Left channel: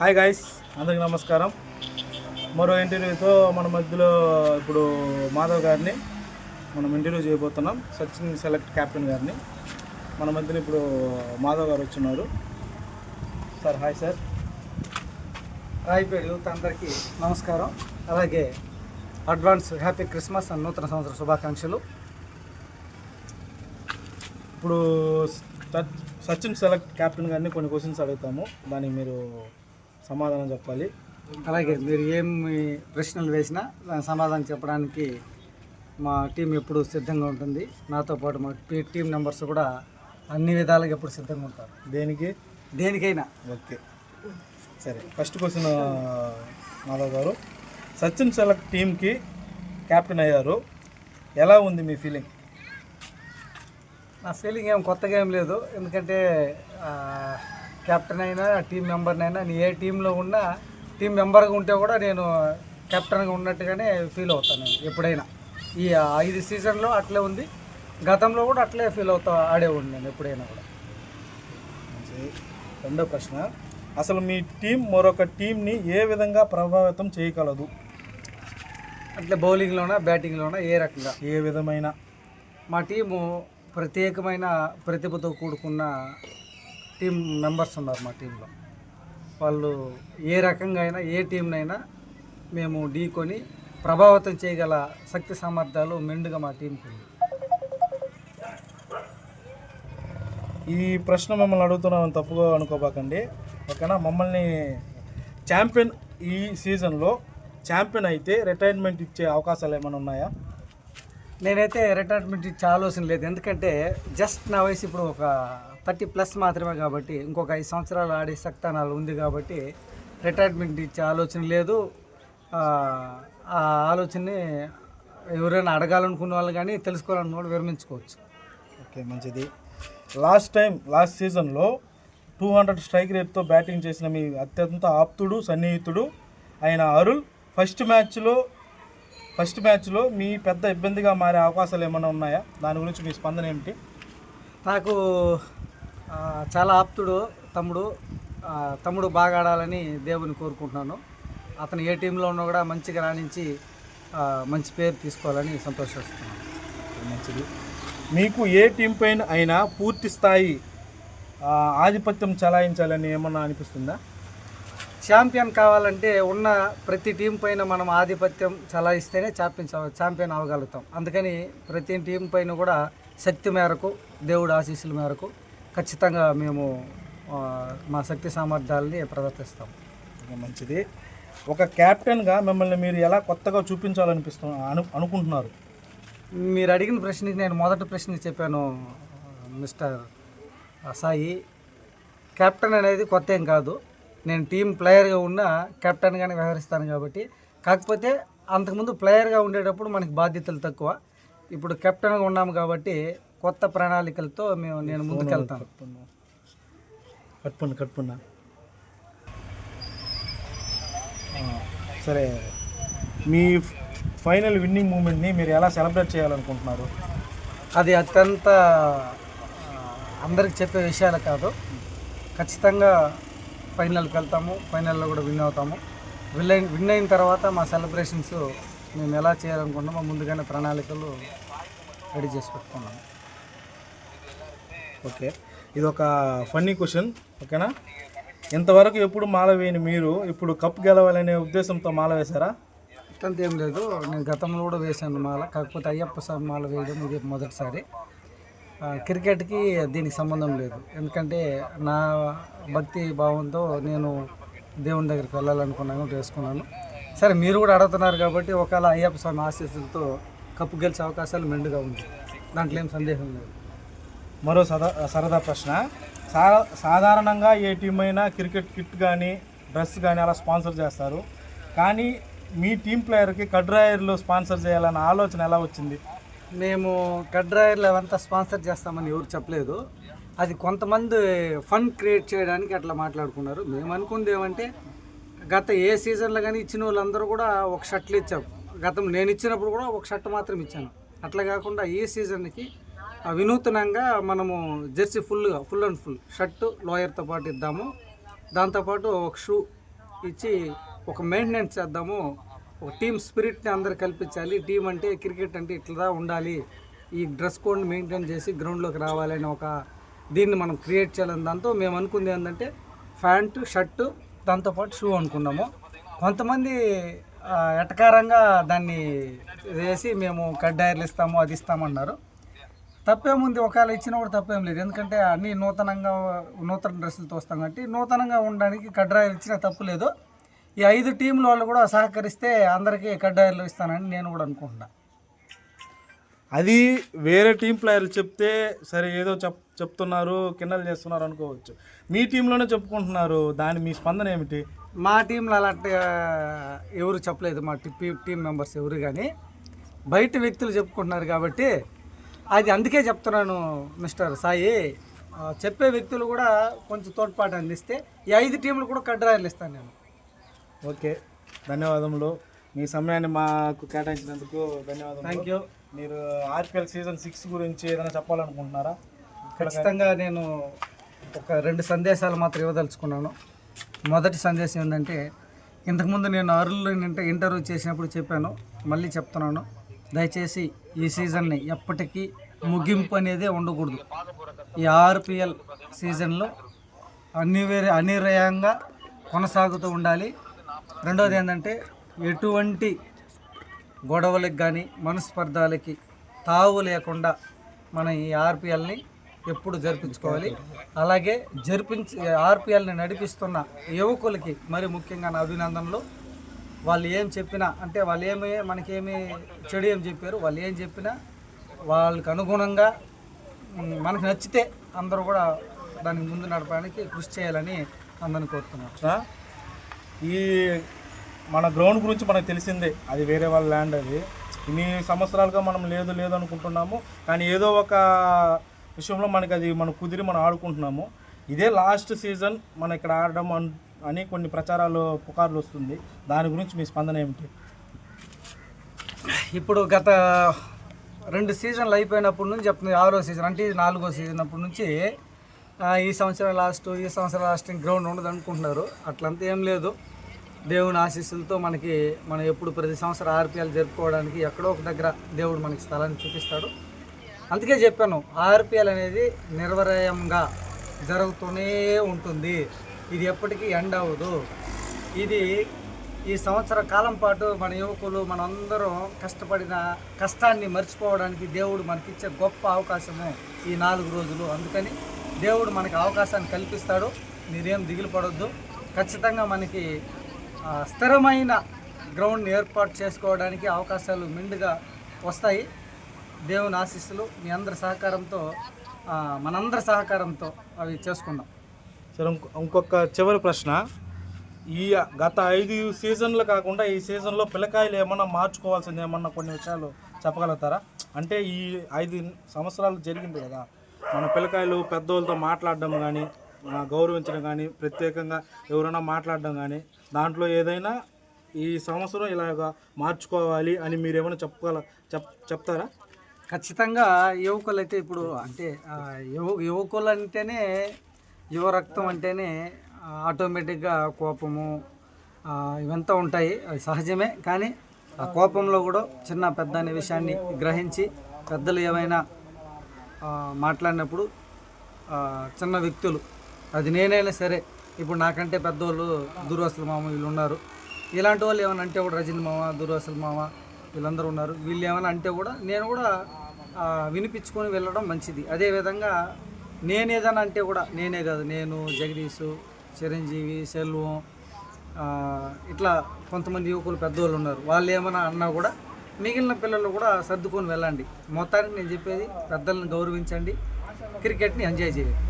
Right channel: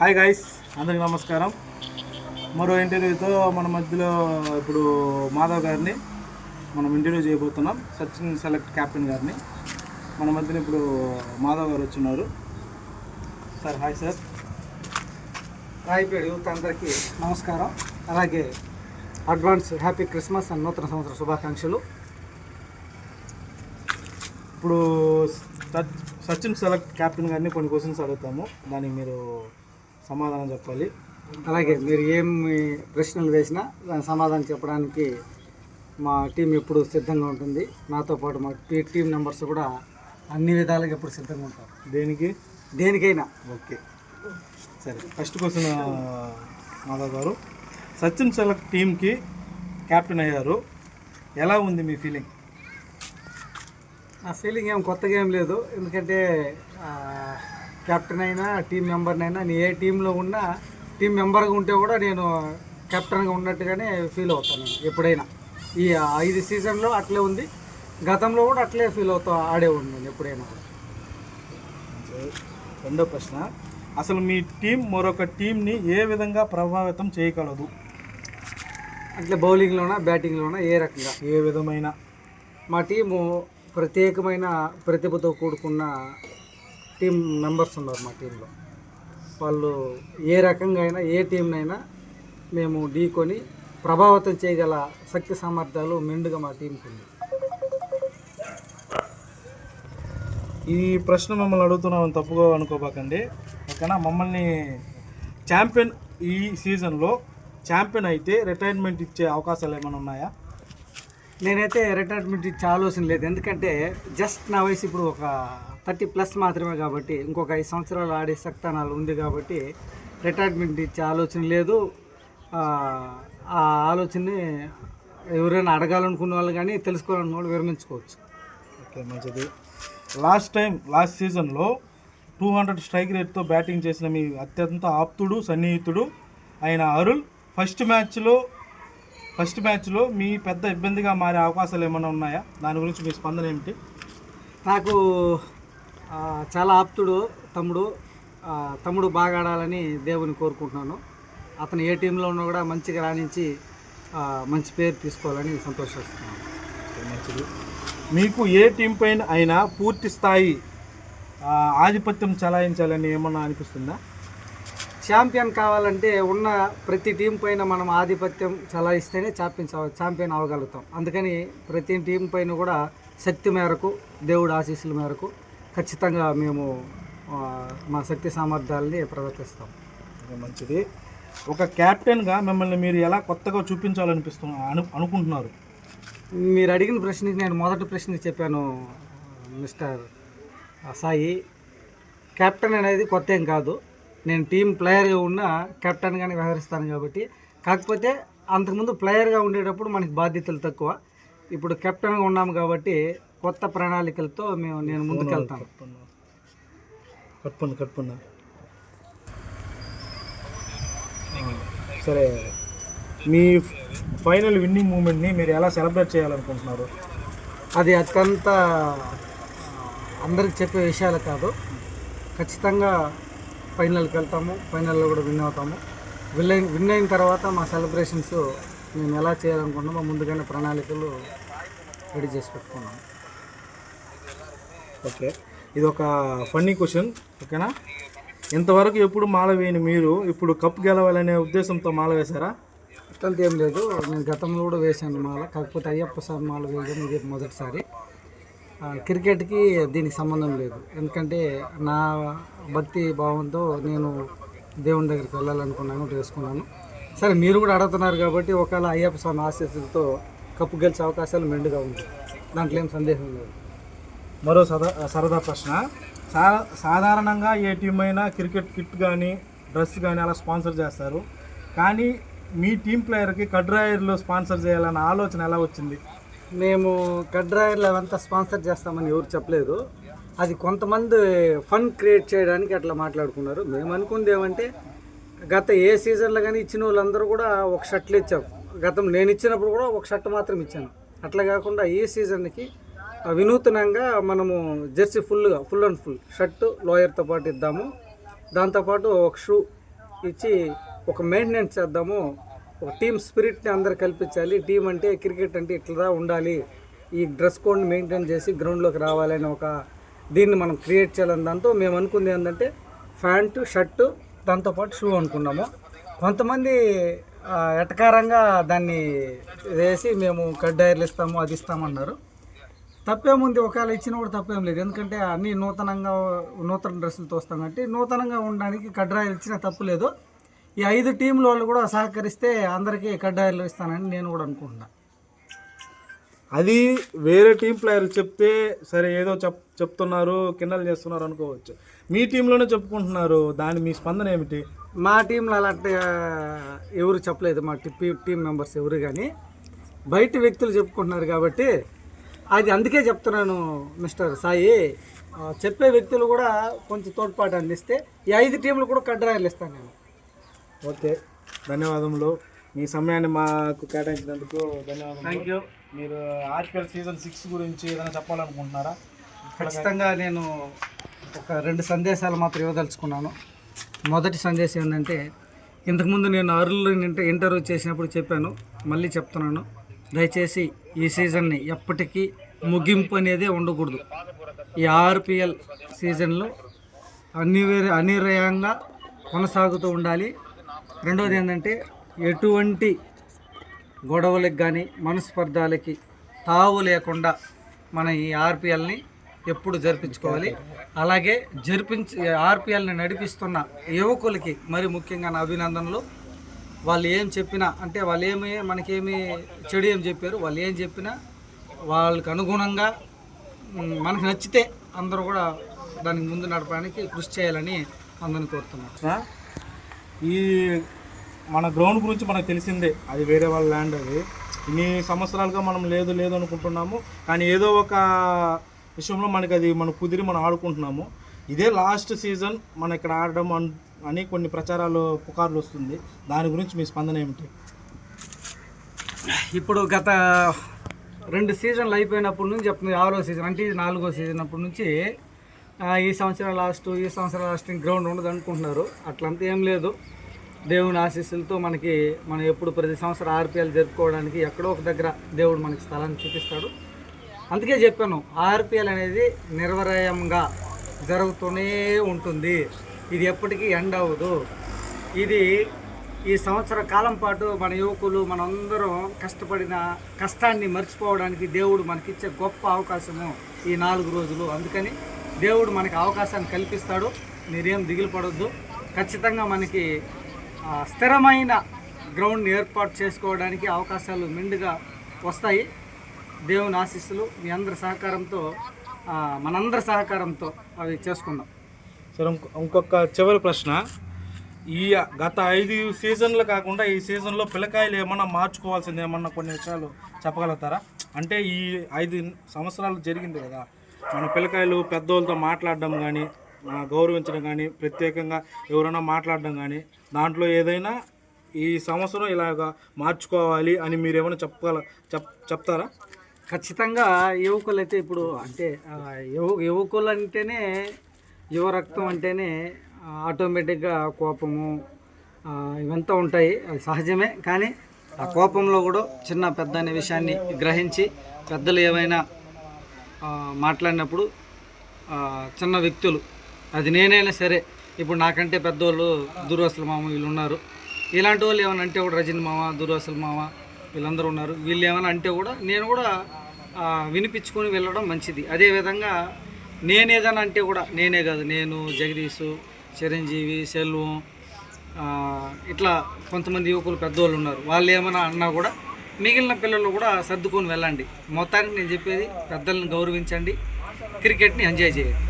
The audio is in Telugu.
హాయ్ గైస్, అందరికి నమస్కారం. మరో ఇంటర్వ్యూతో మన మధ్యలో ఇప్పుడు మాధవ్ గారిని మనం ఇంటర్వ్యూ చేయబోతున్నాం. సచిన్ సెలెక్ట్ క్యాప్టెన్ గారిని మన మధ్యలో ఇప్పుడు మాధవ్ గారు వచ్చినారు. Sir hi sir. Rayapeta youth అందరికీ నమస్కారం. అలాగే అడ్వాన్స్ హ్యాపీ క్రిస్మస్ అండ్ నూతన సంవత్సర శుభాకాంక్షలు. ఇప్పుడు సచిన్ సెలెక్ట్ క్యాప్టెన్ గారిని కొన్ని క్వశ్చన్స్ అడుగుతాము, దానికి మీరు సమాధానం చెప్పాలి. అలాగే మీరు ఏమి ప్రశ్నలు వేసినా దాని సమాధానం చెప్పడానికి మా టీం ఎప్పుడు సిద్ధంగా ఉంటుంది. నాతో పాటు మా టీం మెంబర్స్ కూడా అన్ని విధాలుగా ఎప్పుడు సిద్ధంగా ఉంటారు. దేనికైనా. ఓకే సరే, ఫస్ట్ క్వశ్చన్ మాధవ్ గారు, సచిన్ సెలెక్ట్ టీంకి క్యాప్టెన్ అయ్యారు, ఎలా ఉంది మీ ఫీలింగ్? నా ఫీలింగ్ ఏం కొత్తగా ఏం లేదు. ఎందుకంటే కెప్టెన్ అయినా టీం మెంబర్నైనా నేను ఏ టీంలో ఉన్నా టీం మెంబర్గా ఉంటే కూడా నేను కెప్టెన్గా ఉన్నట్టుగానే ఫీల్ అవుతాను. ఎప్పుడైనా ఈ 5 సీజన్లో అట్లే ఉంది, గతంలో కూడా అట్లే ఫీల్ ఆడే ఉంది నేను ఎప్పుడైనా. రెండో ప్రశ్న, అసలు మీ టీం మరొక టీంని ఏ విధంగా ప్రభావితం చేయగలదు? అట్లే బౌలింగ్లోనా బ్యాటింగ్లోనా ఏ రకంగా? ఏ విధమైన? మా టీము ప్రత్యేకమైన ప్రతిభతో కూడుకున్న టీం మెంబర్స్ ఉన్నారు మా టీంలో. వాళ్ళు ఏ రకంగా అయినా ఏ టీంనైనా మేము ఢీకొని ప్రభావితం చేయగల శక్తి సామర్థ్యాలు మెండుగా మా టీంకి ఉంది. ఈ ప్రశ్న మమ్మల్ని అడుగుతున్నామని తప్పుగా అనుకోబాకండి, ఓకేనా? మమ్మల్ని ఛాంపియన్ ఈ సీజన్లో ఛాంపియన్ అయితే రిటైర్మెంట్ ఇచ్చే అవకాశాలు ఏమైనా ఉన్నాయా? నేనైతే రిటైర్మెంట్ ఇచ్చే ఆలోచన లేదు. ఎందుకంటే జస్ట్ నా వయసు ఇప్పుడు ఒక 30+ మాత్రమే కాబట్టి ఇంకొక 5 సంవత్సరాలు ఆడే శక్తానాలు ఉంది కాబట్టి రిటైర్మెంట్ ఇచ్చే ఆలోచన లేదు. ఆ ఆలోచనని ఎవరైనా అడగాలనుకున్న వాళ్ళు కానీ తెలుసుకోవాలనుకున్న వాళ్ళు విరమించుకోవచ్చు. ఓకే, మంచిది. లాస్ట్ సీజన్లో 200 స్ట్రైక్ రేట్తో బ్యాటింగ్ చేసిన మీ అత్యంత ఆప్తుడు సన్నిహితుడు అయిన అరుల్ ఫస్ట్ మ్యాచ్లో మీ పెద్ద ఇబ్బందిగా మారే అవకాశాలు ఏమైనా ఉన్నాయా? దాని గురించి మీ స్పందన ఏమిటి? నాకు చాలా ఆప్తుడు తమ్ముడు బాగా ఆడాలని దేవుని కోరుకుంటున్నాను. అతను ఏ టీంలో ఉన్నా కూడా మంచిగా రాణించి మంచి పేరు తీసుకోవాలని సంతోషిస్తున్నాను. మంచిది. మీకు ఏ టీం పైన అయినా పూర్తి స్థాయి ఆధిపత్యం చలాయించాలని ఏమన్నా అనిపిస్తుందా? ఛాంపియన్ కావాలంటే ఉన్న ప్రతి టీం పైన మనం ఆధిపత్యం చలాయిస్తేనే ఛాంపియన్ అవ్వగలుగుతాం. అందుకని ప్రతి టీం పైన కూడా శక్తి మేరకు, దేవుడి ఆశీస్సుల మేరకు ఖచ్చితంగా మేము మా శక్తి సామర్థ్యాలని ప్రదర్శిస్తాం. మంచిది. ఒక క్యాప్టెన్గా మిమ్మల్ని మీరు ఎలా కొత్తగా అనుకుంటున్నారు? మీరు అడిగిన ప్రశ్నకి నేను మొదటి ప్రశ్నకి చెప్పాను మిస్టర్ సాయి. కెప్టెన్ అనేది కొత్త ఏం కాదు. నేను టీం ప్లేయర్గా ఉన్న కెప్టెన్గానే వ్యవహరిస్తాను కాబట్టి. కాకపోతే అంతకుముందు ప్లేయర్గా ఉండేటప్పుడు మనకి బాధ్యతలు తక్కువ. ఇప్పుడు కెప్టెన్గా ఉన్నాము కాబట్టి కొత్త ప్రణాళికలతో నేను ముందుకెళ్తాను. కట్టుకున్నా సరే, మీ ఫైనల్ విన్నింగ్ మూమెంట్ని మీరు ఎలా సెలబ్రేట్ చేయాలనుకుంటున్నారు? అది అత్యంత అందరికి చెప్పే విషయాలు కాదు. ఖచ్చితంగా ఫైనల్కి వెళ్తాము, ఫైనల్లో కూడా విన్ అవుతాము. విన్ అయిన తర్వాత మా సెలబ్రేషన్స్ మేము ఎలా చేయాలనుకుంటున్నామో ముందుగానే ప్రణాళికలు రెడీ చేసి పెట్టుకున్నాము. ఓకే, ఇది ఒక ఫన్నీ క్వశ్చన్, ఓకేనా? ఇంతవరకు ఎప్పుడు మాల వేయని మీరు ఇప్పుడు కప్ గెలవాలనే ఉద్దేశంతో మాల వేశారా? అట్లాంటి ఏం లేదు. నేను గతంలో కూడా వేశాను మాల, కాకపోతే అయ్యప్ప స్వామి మాల వేయడం ఇది మొదటిసారి. క్రికెట్కి దీనికి సంబంధం లేదు. ఎందుకంటే నా భక్తి భావంతో నేను దేవుని దగ్గరికి వెళ్ళాలనుకున్నాను, వేసుకున్నాను. సరే, మీరు కూడా అడుగుతున్నారు కాబట్టి ఒకవేళ అయ్యప్ప స్వామి ఆశీస్సులతో కప్పు గెలిచే అవకాశాలు మెండుగా ఉంది, దాంట్లో ఏం సందేహం లేదు. మరో సరదా ప్రశ్న, సాధారణంగా ఏ టీం అయినా క్రికెట్ కిట్ కానీ డ్రెస్ కానీ అలా స్పాన్సర్ చేస్తారు, కానీ మీ టీం ప్లేయర్కి కడ్రాయర్లు స్పాన్సర్ చేయాలన్న ఆలోచన ఎలా వచ్చింది? మేము కడ్రాయర్లు అవంతా స్పాన్సర్ చేస్తామని ఎవరు చెప్పలేదు. అది కొంతమంది ఫన్ క్రియేట్ చేయడానికి అట్లా మాట్లాడుకున్నారు. మేము అనుకుంది ఏమంటే, గత ఏ సీజన్లో కానీ ఇచ్చిన వాళ్ళందరూ కూడా ఒక షర్ట్లు ఇచ్చాం. నేను ఇచ్చినప్పుడు కూడా ఒక షర్ట్ మాత్రం ఇచ్చాను. అట్లా కాకుండా ఈ సీజన్కి వినూతనంగా మనము jersey full and full shirt లోయర్తో పాటు ఇద్దాము. దాంతోపాటు ఒక షూ ఇచ్చి ఒక మెయింటెనెన్స్ చేద్దాము, ఒక టీమ్ స్పిరిట్ని అందరు కల్పించాలి, టీం అంటే క్రికెట్ అంటే ఇట్లా ఉండాలి, ఈ డ్రెస్ కోడ్ని మెయింటైన్ చేసి గ్రౌండ్లోకి రావాలని ఒక దీన్ని మనం క్రియేట్ చేయాలని దాంతో మేము అనుకుంది ఏంటంటే ప్యాంటు షర్టు దాంతోపాటు షూ అనుకున్నాము. కొంతమంది ఎటకారంగా దాన్ని వేసి మేము కడ్డాయిలు ఇస్తాము అది ఇస్తామన్నారు. తప్పేముంది, ఒకవేళ ఇచ్చినా కూడా తప్పేం లేదు, ఎందుకంటే అన్నీ నూతన డ్రెస్సులతో వస్తాం కాబట్టి నూతనంగా ఉండడానికి కడ్డాయిలు ఇచ్చినా తప్పు లేదు. ఈ 5 టీంల వాళ్ళు కూడా సహకరిస్తే అందరికీ కడ్డాయిలు ఇస్తానని నేను కూడా అనుకుంటున్నా. అది వేరే టీం ప్లేయర్ చెప్తే సరే ఏదో చెప్తున్నారు కిన్నలు చేస్తున్నారు అనుకోవచ్చు, మీ టీంలోనే చెప్పుకుంటున్నారు, దాని మీ స్పందన ఏమిటి? మా టీంలో అలాంటి ఎవరు చెప్పలేదు, మా టీం మెంబర్స్ ఎవరు, కానీ బయట వ్యక్తులు చెప్పుకుంటున్నారు కాబట్టి అది అందుకే చెప్తున్నాను మిస్టర్ సాయి, చెప్పే వ్యక్తులు కూడా కొంచెం తోడ్పాటు అందిస్తే ఈ 5 టీంలు కూడా కడ్డాయిలు ఇస్తాను నేను. ఓకే, ధన్యవాదములు. మీ సమయాన్ని మాకు కేటాయించినందుకు ధన్యవాదాలు. Thank you. మీరు ఆర్పిఎల్ సీజన్ 6 గురించి ఏదైనా చెప్పాలనుకుంటున్నారా? ఖచ్చితంగా నేను ఒక 2 సందేశాలు మాత్రం ఇవ్వదలుచుకున్నాను. మొదటి సందేశం ఏంటంటే, ఇంతకుముందు నేను అరుళ్ళు ఇంటర్వ్యూ చేసినప్పుడు చెప్పాను, మళ్ళీ చెప్తున్నాను, దయచేసి ఈ సీజన్ని ఎప్పటికీ ముగింపు అనేదే ఉండకూడదు. ఈ ఆర్పిఎల్ సీజన్లో అనిర్వయంగా కొనసాగుతూ ఉండాలి. రెండవది ఏంటంటే, ఎటువంటి గొడవలకు కానీ మనస్పర్ధాలకి తావు లేకుండా మన ఈ ఆర్పిఎల్ని ఎప్పుడు జరిపించుకోవాలి. అలాగే ఆర్పిఎల్ని నడిపిస్తున్న యువకులకి మరి ముఖ్యంగా నా అభినందనలు. వాళ్ళు ఏం చెప్పినా, అంటే వాళ్ళు మనకేమి చెడు ఏం చెప్పారు, వాళ్ళు ఏం చెప్పినా వాళ్ళకి అనుగుణంగా మనకు నచ్చితే అందరూ కూడా దానికి ముందు నడపడానికి కృషి చేయాలని అందరిని కోరుతున్నాను. ఈ మన గ్రౌండ్ గురించి మనకు తెలిసిందే, అది వేరే వాళ్ళ ల్యాండ్, అది ఇన్ని సంవత్సరాలుగా మనం లేదు అనుకుంటున్నాము, కానీ ఏదో ఒక విషయంలో మనకి అది మనం కుదిరి మనం ఆడుకుంటున్నాము. ఇదే లాస్ట్ సీజన్ మనం ఇక్కడ ఆడడం అని కొన్ని పుకార్లు వస్తుంది, దాని గురించి మీ స్పందన ఏమిటి? ఇప్పుడు గత 2 సీజన్లు అయిపోయినప్పటి నుంచి చెప్తుంది, 6వ సీజన్ అంటే ఇది 4వ సీజన్ అప్పటి నుంచి ఈ సంవత్సరం లాస్ట్ గ్రౌండ్ ఉండదు అనుకుంటున్నారు. అట్లంతా ఏం లేదు, దేవుని ఆశీస్సులతో మనం ఎప్పుడు ప్రతి సంవత్సరం ఆర్పిఎల్ జరుపుకోవడానికి ఎక్కడో ఒక దగ్గర దేవుడు మనకి స్థలాన్ని చూపిస్తాడు. అందుకే చెప్పాను, ఆర్పిఎల్ అనేది నిర్వరయంగా జరుగుతూనే ఉంటుంది, ఇది ఎప్పటికీ ఎండ్ అవ్వదు. ఇది ఈ సంవత్సర కాలం పాటు మన యువకులు మనందరం కష్టపడిన కష్టాన్ని మర్చిపోవడానికి దేవుడు మనకిచ్చే గొప్ప అవకాశము ఈ 4 రోజులు. అందుకని దేవుడు మనకి అవకాశాన్ని కల్పిస్తాడు, మీరేం దిగులు పడొద్దు. ఖచ్చితంగా మనకి స్థిరమైన గ్రౌండ్ని ఏర్పాటు చేసుకోవడానికి అవకాశాలు మెండుగా వస్తాయి. దేవుని ఆశీస్సులు మీ అందరి సహకారంతో, మనందరి సహకారంతో అవి చేసుకుందాం. సరే, ఇంకొక చివరి ప్రశ్న, ఈ గత 5 సీజన్లు కాకుండా ఈ సీజన్లో పిల్లకాయలు ఏమన్నా మార్చుకోవాల్సింది ఏమన్నా కొన్ని విషయాలు చెప్పగలుగుతారా? అంటే ఈ 5 సంవత్సరాలు జరిగింది కదా, మన పిల్లకాయలు పెద్దోళ్ళతో మాట్లాడడం కానీ, గౌరవించడం కానీ, ప్రత్యేకంగా ఎవరైనా మాట్లాడడం కానీ, దాంట్లో ఏదైనా ఈ సంవత్సరం ఇలాగ మార్చుకోవాలి అని మీరేమైనా చెప్తారా? ఖచ్చితంగా యువకులు అయితే ఇప్పుడు అంటే యువకులు అంటేనే యువ రక్తం అంటేనే ఆటోమేటిక్గా కోపము ఇవంతా ఉంటాయి, అది సహజమే. కానీ ఆ కోపంలో కూడా చిన్న పెద్ద అనే విషయాన్ని గ్రహించి పెద్దలు ఏమైనా మాట్లాడినప్పుడు చిన్న వ్యక్తులు, అది నేనైనా సరే, ఇప్పుడు నాకంటే పెద్దవాళ్ళు దుర్వాసుల మామ వీళ్ళు ఉన్నారు, ఇలాంటి వాళ్ళు ఏమైనా అంటే కూడా రజని మామ, దుర్వాసుల మామ వీళ్ళందరూ ఉన్నారు, వీళ్ళు ఏమైనా అంటే కూడా నేను కూడా వినిపించుకొని వెళ్ళడం మంచిది. అదేవిధంగా నేనేదైనా అంటే కూడా నేనే కాదు, నేను జగదీషు, చిరంజీవి, సెల్వం, ఇట్లా కొంతమంది యువకులు పెద్దవాళ్ళు ఉన్నారు, వాళ్ళు ఏమైనా అన్నా కూడా మిగిలిన పిల్లలు కూడా సర్దుకొని వెళ్ళండి. మొత్తానికి నేను చెప్పేది, పెద్దలను గౌరవించండి, క్రికెట్ని ఎంజాయ్ చేయండి.